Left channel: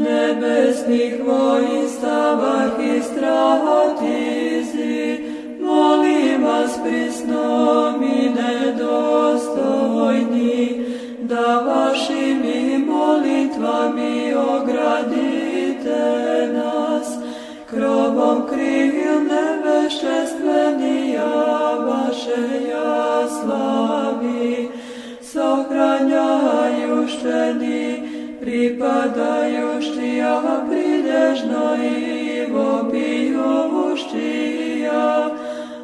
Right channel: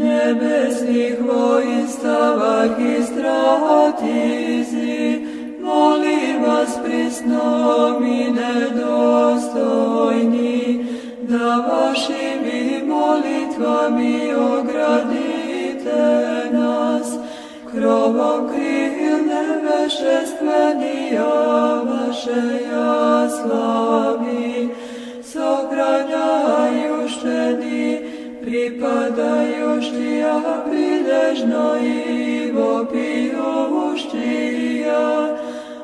nebesnih vojstav arhistratizi, molim vas prisnom i nedostojni, da vašim molitvami ogradite nas, krovom krilne vešestvenija vaše ja slavi, sohranjajušteni, pripadajuštija pridežno i vopiovuštija,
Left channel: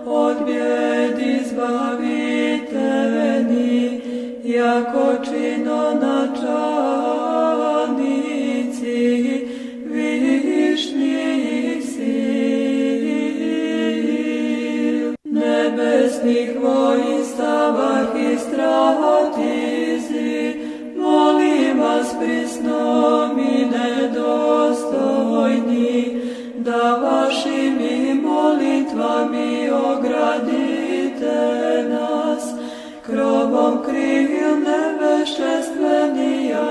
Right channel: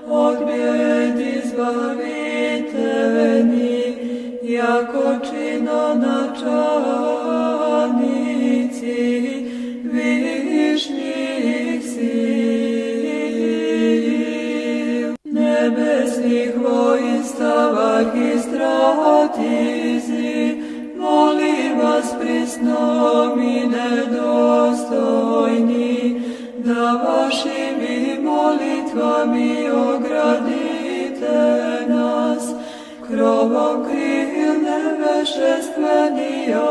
od bijed izbaviteveni, jako čino načalnici višnjih sil. Nebesnih vojstav arhistratizi, molim vas prisnom i nedostojni, da vašim molitvami ogradite nas, krovom krilne vešestvenija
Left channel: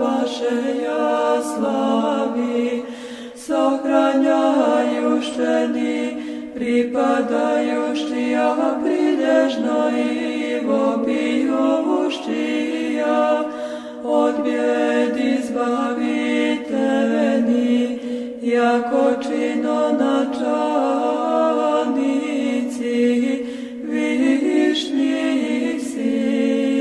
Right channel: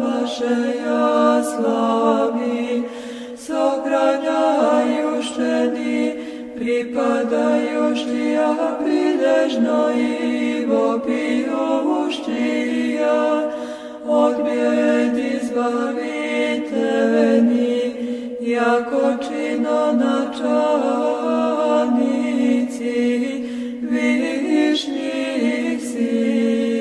vaše ja slavi, sohranjajušteni, pripadajuštija pridežno i vopiovuštija, od bijed izbaviteveni, jako čino načalnici višnjih sil.